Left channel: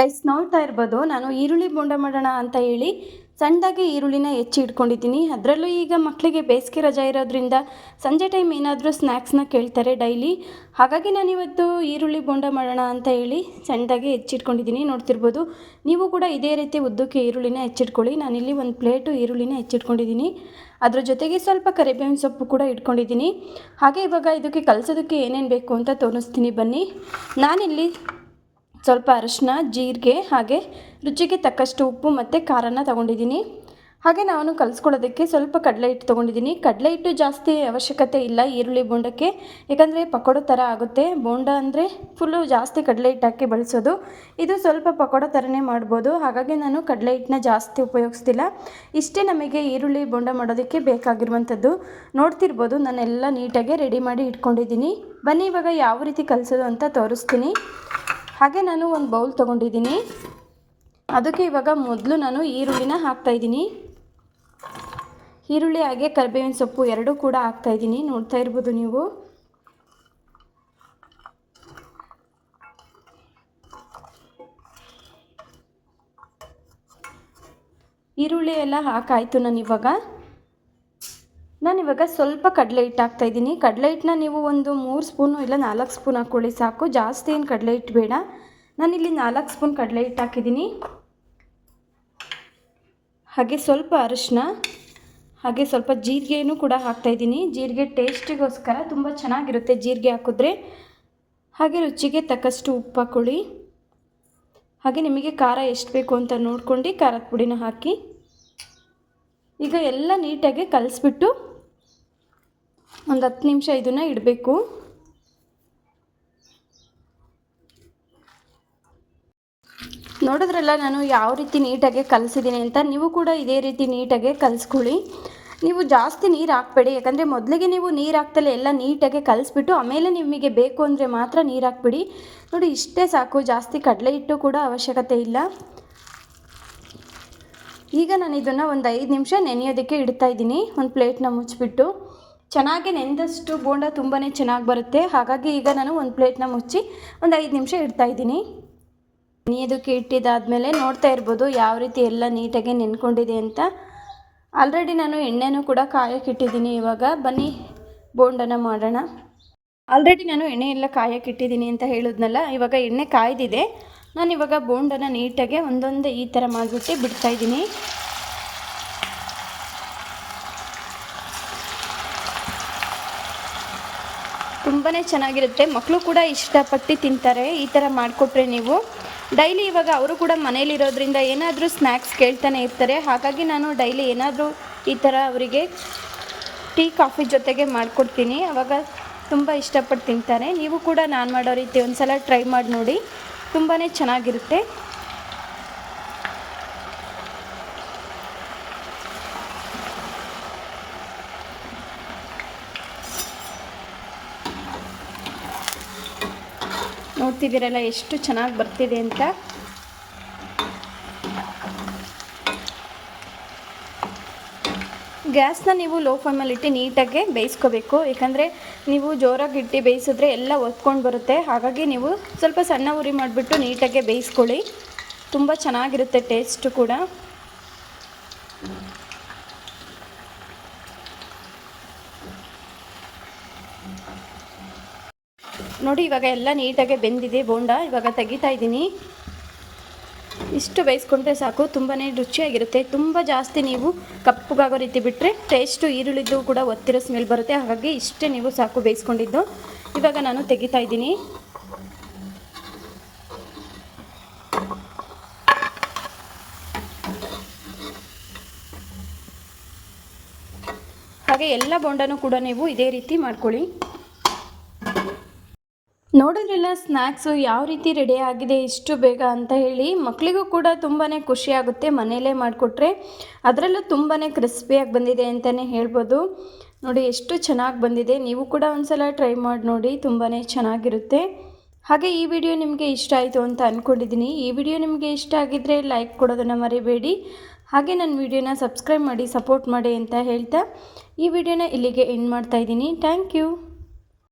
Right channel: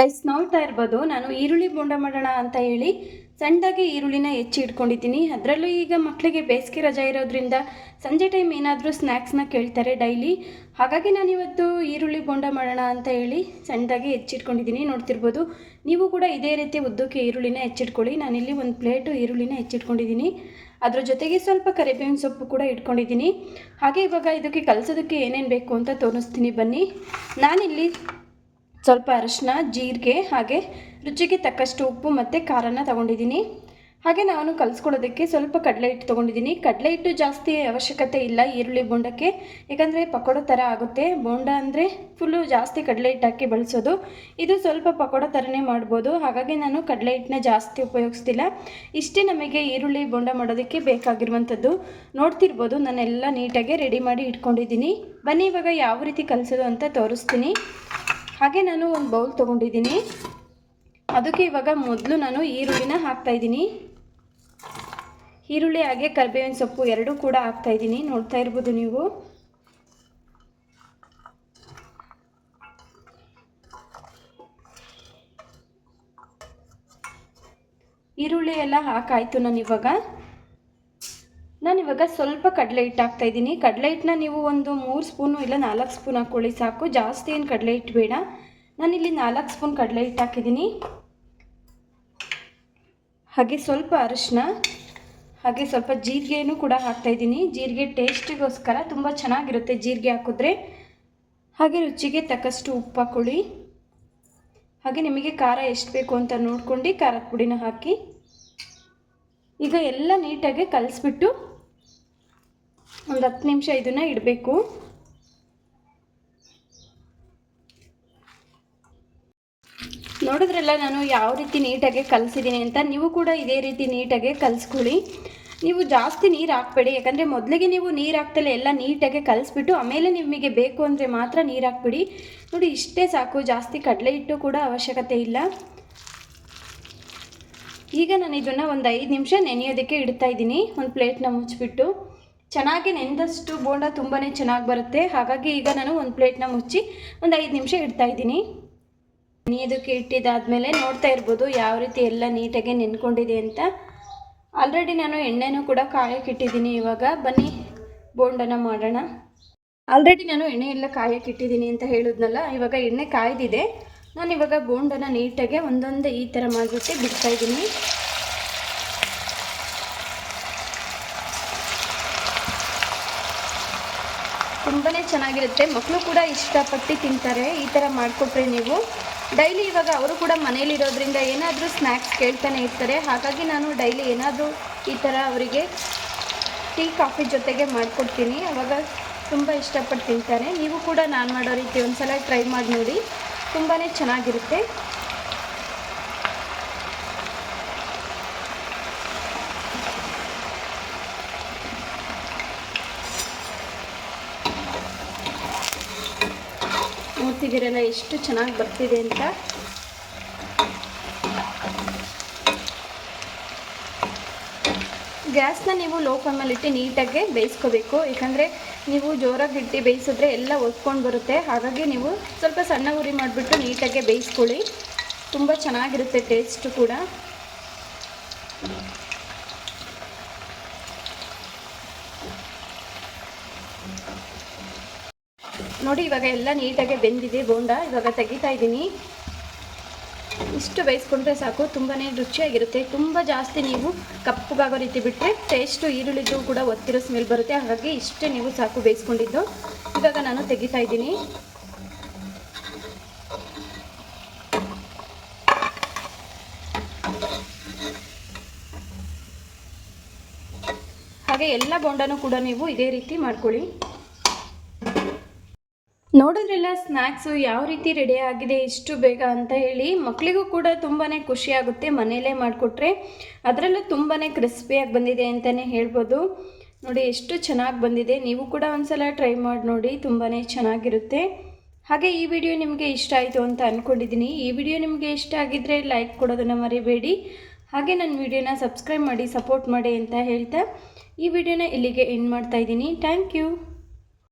Guys ನೋಡ್ತಾ ಇರ್ಬೋದು, ನಾನು ಈರುಳ್ಳಿ ಬೋಂಡ ಮಾಡೋಣ ಅಂತ ಹೇಳಿ ಸಣ್ಣದಾಗಿ ಈರುಳ್ಳಿನ ಹೆಚ್ಚಿ ಇಟ್ಕೊಂಡಿದ್ದೀನಿ. ಅದರಲ್ಲೂ ಈಗ ಮಕ್ಕಳಿಗೆ ಬೇಸಿಗೆ ರಜಾ ಇರೋದ್ರಿಂದ ಸಂಜೆ ಟೈಮ್ ಏನಾದರೂ ಸ್ನ್ಯಾಕ್ಸ್ನ ಕೇಳ್ತಾರೆ ಡೈಲಿ ಹಾಗಾಗಿ ನಾನು ಇವತ್ತು ಈರುಳ್ಳಿ ಬೋಂಡ ಮಾಡೋಣ ಅಂತ ಹೇಳಿ ಸಣ್ಣದಾಗಿ ಹೆಚ್ಚಿಟ್ಕೊಂಡಿದ್ದೀನಿ ನೋಡ್ತಿರ್ಬೋದು, ನೀವು ಕೂಡ ಇದೇ ರೀತಿ ಉದ್ದಕ್ಕೆ ಈರುಳ್ಳಿನ ಹೆಚ್ಚಿಟ್ಕೊಳ್ಳಿ ನಾನಿಲ್ಲಿ ಒಂದು ಪ್ಲೇಟು ಈರುಳ್ಳಿನ ಹೆಚ್ಚಿಟ್ಕೊಂಡಿದ್ದೀನಿ ಅದರ ಜೊತೆಗೆ ಸ್ವಲ್ಪ ಕರಿಬೇವಿನ ಸೊಪ್ಪು ಕೂಡ ಇಟ್ಕೊಂಡಿದ್ದೀನಿ. ಹಾಗೆ ಇವಾಗ ಇದಕ್ಕೆ ಕಲಸೋದಕ್ಕೆ ಏನೇನು ಬೇಕು ಅಂತ ತೋರಿಸ್ತೀನಿ. ಬನ್ನಿ, ನಾನಿಲ್ಲಿ ಸ್ವಲ್ಪ ಅರಶಿನ, ಜೀರಿಗೆ ಹಾಗೆ ರುಚಿಗೆ ತಕ್ಕಷ್ಟು ಉಪ್ಪು ಮತ್ತು ಖಾರನ ತಗೊಂಡಿದ್ದೀನಿ. ಹಾಗೆ ನಾನು ಕಲಿಸ್ಕೊಳ್ಳೋದಕ್ಕೆ ಸ್ವಲ್ಪ ಕಡಲೆ ಹಿಟ್ಟು ತೊಗೊಂಡಿದ್ದೀನಿ. ಕಡಲೆ ಹಿಟ್ಟು ಜಾಸ್ತಿ ಅವಶ್ಯಕತೆ ಇಲ್ಲ ಈರುಳ್ಳಿ ಬೋಂಡಕ್ಕೆ. ಯಾಕಂದರೆ ಪಕೋಡ ಥರ ಆಗುತ್ತೆ. ಬೋಂಡ ಅಂದರೆ ಫುಲ್ಲು ಜಾಸ್ತಿ ಕಡಲೆ ಹಿಟ್ಟು ಹಾಕಿ ಬಳಸೋದು. ಇದು ಸ್ವಲ್ಪ ಪಕೋಡ ಥರನೇ ಮಾಡ್ಬೋದು. ಹಾಗಾಗಿ ನಾನು ಕಡಲೆ ಹಿಟ್ಟನ್ನ ಜಾಸ್ತಿ ಉಪಯೋಗಿಸ್ತಿಲ್ಲ. ಇಷ್ಟೇ ನಮಗೆ ಈರುಳ್ಳಿ ಬೋಂಡ ಮಾಡೋದಕ್ಕೆ ಬೇಕಾಗಿರುವಂಥದ್ದು. ನೋಡ್ತಿರ್ಬೋದು, ನಾನೆಲ್ಲ ನೀಟಾಗಿ ರೆಡಿ ಮಾಡಿ ಇಟ್ಕೊಂಡಿದ್ದೀನಿ. ಬನ್ನಿ, ಇವಾಗ ಯಾವ ರೀತಿ ಕಲಿಸೋದು ಅಂತ ತೋರಿಸ್ತೀನಿ. ಹಾಗೆ ನಾನು ಒಂದು ಬೌಲ್ ತೊಗೊಂಡಿದ್ದೀನಿ. ಅದಕ್ಕೆ ಇವಾಗ ಮೊದಲು ನಾನು ಈರುಳ್ಳಿನ ಹಾಕ್ತಾಯಿದ್ದೀನಿ ಈರುಳ್ಳಿ ಹಾಗೆ ಕರಿಬೇವಿನ ಸೊಪ್ಪು ಎರಡೂ ಕೂಡ ಹಾಕ್ತಾಯಿದ್ದೀನಿ ನೋಡ್ತಾ ಇರ್ಬೋದು ನೀವು. ಈರುಳ್ಳಿ ಎಲ್ಲ ಹಾಕಾಯಿತು ನಾನು ಇವಾಗ. ನಾನಿವಾಗ ಸ್ವಲ್ಪ ಕಡಲೆ ಹಿಟ್ಟು ಹಾಕ್ತಾಯಿದ್ದೀನಿ ಕಡಲೆ ಹಿಟ್ಟನ್ನ ನೀವು ಒಂದು ಮೂರು ಸ್ಪೂನು ಇಲ್ಲ ನಾಲ್ಕು ಸ್ಪೂನ್ ಹಾಕ್ಕೊಳ್ಳಿ ಸಾಕು. ಜಾಸ್ತಿ ಏನು ಕಡಲೆ ಹಿಟ್ಟು ಬೇಡ. ನಾನಿಲ್ಲಿ ನಾಲ್ಕು ಸ್ಪೂನ್ ಕಡಲೆ ಹಿಟ್ಟು ಹಾಕಿದ್ದೀನಿ. ಹಾಗೆ ಸ್ವಲ್ಪ ಅರಿಶಿನ, ಹಾಗೆ ಸ್ವಲ್ಪ ಜೀರಿಗೆನೂ ಕೂಡ ಹಾಕ್ತಾಯಿದ್ದೀನಿ ಜೀರಿಗೆ ಟೇಸ್ಟಿಗೋಸ್ಕರ ತುಂಬ ಚೆನ್ನಾಗಿರುತ್ತೆ ಜೀರಿಗೆ ಹಾಕಿದ್ರೆ. ಹಾಗೆ ರುಚಿಗೆ ತಕ್ಕಷ್ಟು ಉಪ್ಪು ಹಾಕ್ಕೊಳ್ಳಿ. ಹಾಗೆ ನಿಮಗೆ ಖಾರ ಎಷ್ಟು ಬೇಕು ಅಂತ ನೋಡ್ಕೊಂಡು ಖಾರದ ಪುಡಿನ ಹಾಕಿ. ಈಗ ಎಲ್ಲ ನೀಟಾಗಿ ಕಲಿಸ್ಬಿಟ್ಟು ಒಂದು ಹತ್ತು ನಿಮಿಷ ಇದನ್ನು ಇಡಬೇಕು. ನೋಡಿದ್ರಲ್ಲ, ನಾನು ಯಾವ ರೀತಿ ನೀಟಾಗಿ ಕಲಿಸಿದ್ದೀನಿ ಅಂತ? ನೀವು ಕೂಡ ಇದೇ ರೀತಿ ನೀಟಾಗಿ ಕಲಿಸ್ಕೊಳ್ಳಿ. ನೀವು ಜಾಸ್ತಿ ನೀರು ಹಾಕ್ಬೇಡಿ, ಯಾಕಂದರೆ ಮೊದಲಿಗೆ ನೀವು ನೀರು ಹಾಕ್ತಲೇ ಎಲ್ಲ ನೀಟಾಗಿ ಕಲಿಸ್ಬಿಟ್ಟು, ಆಮೇಲೆ ನಿಮಗೆ ಬೇಕು ಅಂದರೆ ಮಾತ್ರ ನೀರು ಹಾಕ್ಬಿಡಿ. ನೋಡಿ, ಇಷ್ಟೇ ಸಾಕು, ಜಾಸ್ತಿ ಕಡಲೆ ಹಿಟ್ಟು ಕೂಡ ಅವಶ್ಯಕತೆ ಇಲ್ಲ. ಈಗ ನಾನು ಇದನ್ನು ಒಂದು ಐದು ನಿಮಿಷ ನೆನೆಯೋದಕ್ಕೆ ಇಡ್ತಾ ಇದ್ದೀನಿ. ಒಂದು ಪ್ಲೇಟ್ನ ಮುಚ್ಚಿಬಿಟ್ಟು ಚೆನ್ನಾಗಿ ನೆಂದಷ್ಟು ಬೋಂಡ ತುಂಬಾ ಚೆನ್ನಾಗಿ ಬರುತ್ತೆ. ಹಾಗಾಗಿ ಈಗ ನಾನು ಒಂದು ಪ್ಲೇಟ್ನ ಮುಚ್ಚಿ ಒಂದು ಐದು ನಿಮಿಷ ಇಡ್ತಾ ಇದ್ದೀನಿ. ನೀದಕ್ಕೆ ಇಟ್ಟಿದ್ದಾದಮೇಲೆ ನೋಡ್ತಾ ಇರ್ಬೋದು ಯಾವ ರೀತಿ ಎಲ್ಲ ನೀಟಾಗಿ ನೆನ್ಕೊಂಡಿದೆ ಅಂತ. ಆಲ್ರೆಡಿ ನಾನು ಎಣ್ಣೆನೂ ಕೂಡ ಕಾಯಕ್ಕೆ ಇಟ್ಟಿದ್ದೀನಿ ಇವಾಗ. ಬನ್ನಿ, ಬೋಂಡನ ಮಾಡೋಣ. ಆಲ್ರೆಡಿ ನಾನು ಎಣ್ಣೆ ಎಲ್ಲ ಕಾಯಕ್ಕೆ ಇಟ್ಟಿದ್ದೀನಿ ಅಂತ ಹೇಳಿದ್ನಲ್ಲ, ಇವಾಗ ಎಣ್ಣೆ ಕಾಯ್ದಿದೆ. ನಾನು ಇವಾಗ ಬೋಂಡನ ನೀಟಾಗಿ ಒಂದೊಂದೇ ಈ ಥರ ಮಾಡಿಬಿಟ್ಟು ಬಿಡ್ತಾಯಿದ್ದೀನಿ ತುಂಬಾ ಚೆನ್ನಾಗಿರುತ್ತೆ. ಮಕ್ಕಳು ಕೂಡ ಇಷ್ಟಪಟ್ಟು ತಿಂತಾರೆ. ಈ ಥರ ಮಾಡಿಕೊಟ್ರೆ ನೀವು. ಡೈಲಿ ಇವಾಗ ಅವರು ಕೂಡ ಮನೇಲಿರೋದ್ರಿಂದ ಏನಾದರೂ ಸ್ನ್ಯಾಕ್ಸ್ ಕೇಳ್ತಾನೆ ಇರ್ತಾರೆ. ಹಾಗಾಗಿ ನಾನು ಡೈಲಿ ಏನಾದರೂ ಈ ಥರ ಅವರಿಗೆ ಟೀ, ಕಾಫಿ ಜೊತೆಗೆ ಮಾಡಿಕೊಡ್ತೀನಿ. ಆವಾಗ ತುಂಬ ಇಷ್ಟಪಟ್ಟು ತಿಂತಾರೆ. ನೀವು ಕೂಡ ನಾನು ಮಾಡೋ ರೀತಿ ಒಂದು ಸಲ ಟ್ರೈ ಮಾಡಿ ನೋಡಿ ತುಂಬಾ ಚೆನ್ನಾಗಿರುತ್ತೆ. ನೋಡ್ತಿದ್ದೀರಲ್ಲ ಎಷ್ಟು ಚೆನ್ನಾಗಿ ಬರ್ತಿದೆ ಅಂತ? ಗ್ಯಾಸ್ನ ನೀವು ಲೋ ಫ್ಲೇಮಲ್ಲಿ ಇಟ್ಟು ನೀಟಾಗಿ ಬೇಯಿಸ್ಕೋಬೇಕು. ಯಾಕಂದರೆ ನೀವು ಜೋರಾಗಿ ಇಟ್ಟು ಬೇಯಿಸಿದ್ರೆ ಎಲ್ಲ ಒತ್ಕೊಂಡು ಬರುತ್ತೆ. ಹಾಗಾಗಿ ನೀವು ಸ್ವಲ್ಪ ಸಣ್ಣ ಉರಿ ಮಾಡಿಬಿಟ್ಟು ನೀಟಾಗೆ ಬೇಯಿಸ್ಕೊಳ್ಳಿ. ತುಂಬ ಚೆನ್ನಾಗಿರುತ್ತೆ ಟೇಸ್ಟು ಕೂಡ. ನೋಡಿ, ಇವಾಗ ಎಲ್ಲ ನೀಟಾಗಿ ಬೆಂದಿದೆ ಬೋಂಡ. ಇವಾಗ ತೆಗಿತಾ ಇದ್ದೀನಿ. ಇಷ್ಟು ಬೇಯಿಸ್ಕೊಂಡ್ರೆ ಸಾಕು ತುಂಬಾ ರುಚಿಯಾಗಿರುತ್ತೆ. ತುಂಬ ಜಾಸ್ತಿ ನೀವು ಕಪ್ಪಗಾಗೋ ರೀತಿ ಬಿಟ್ಟರೆ ಟೇಸ್ಟು ಈರುಳ್ಳಿದ್ದು ಕೂಡ ಒತ್ತಿರೋ ಸ್ಮೆಲ್ ಬರುತ್ತೆ. ಹಾಗಾಗಿ ಇಷ್ಟೇ ನೀವು ಸಾಕು ಬೇಯಿಸ್ಕೊಂಡಿದ್ದು. ಇವಾಗ ನಾನು ತೆಗಿತಾ ಇದ್ದೀನಿ. ಹಾಗೆ ಎಲ್ಲ ಬೋಂಡನೂ ಕೂಡ ನೀವು ಇದೇ ರೀತಿ ಮಾಡ್ಕೊಳ್ಳಿ. ನೋಡಿದ್ರಲ್ಲ ಸ್ನ್ಯಾಕ್ಸು ಯಾವ ರೀತಿ ರೆಡಿ ಆಗಿದೆ, ಇಷ್ಟು ಬೇಗ ಅಂತ ಹೇಳಿ. ಮಕ್ಕಳಿಗೂ ಕೂಡ ತುಂಬಾ ಖುಷಿಯಾಗುತ್ತೆ ಮನೆಯಲ್ಲೇ ಮಾಡಿಕೊಟ್ರೆ. ಅದರಲ್ಲೂ ತುಂಬಾ ಕ್ರಿಸ್ಪಿಯಾಗಿ ಬಂದಿದೆ ಅಂತಲೇ ಹೇಳ್ಬೋದು. ನೋಡಿ, ಎಷ್ಟು ಚೆನ್ನಾಗಿ ಬಂದಿದೆ. ನೀವು ಕೂಡ ಒಂದ್ಸಲ ಟ್ರೈ ಮಾಡಿ ನೋಡಿ ತುಂಬಾ ಚೆನ್ನಾಗಿರುತ್ತೆ. ಹಾಗೆ ಈ ವಿಡಿಯೋ ನಿಮಗೆ ಇಷ್ಟ ಆಯಿತು ಅಂತ ಅಂದ್ಕೊಂಡಿದ್ದೀನಿ ಈ ವಿಡಿಯೋ ನಿಮಗೆ ಇಷ್ಟ ಆಗಿದ್ದರೆ ಲೈಕ್ ಕೊಡೋದನ್ನು ಮರಿಬೇಡಿ. ಹಾಗೆ ನನ್ನ ವಿಡಿಯೋನ ಸಬ್ಸ್ಕ್ರೈಬ್ ಮಾಡಿ ಸಪೋರ್ಟ್ ಮಾಡಿ ಅಂತ ಹೇಳ್ತಾ ಈ ವಿಡಿಯೋನ ಇಲ್ಲಿಗೆ ಎಂಡ್ ಮಾಡ್ತಾಯಿದ್ದೀನಿ ಥ್ಯಾಂಕ್ ಯು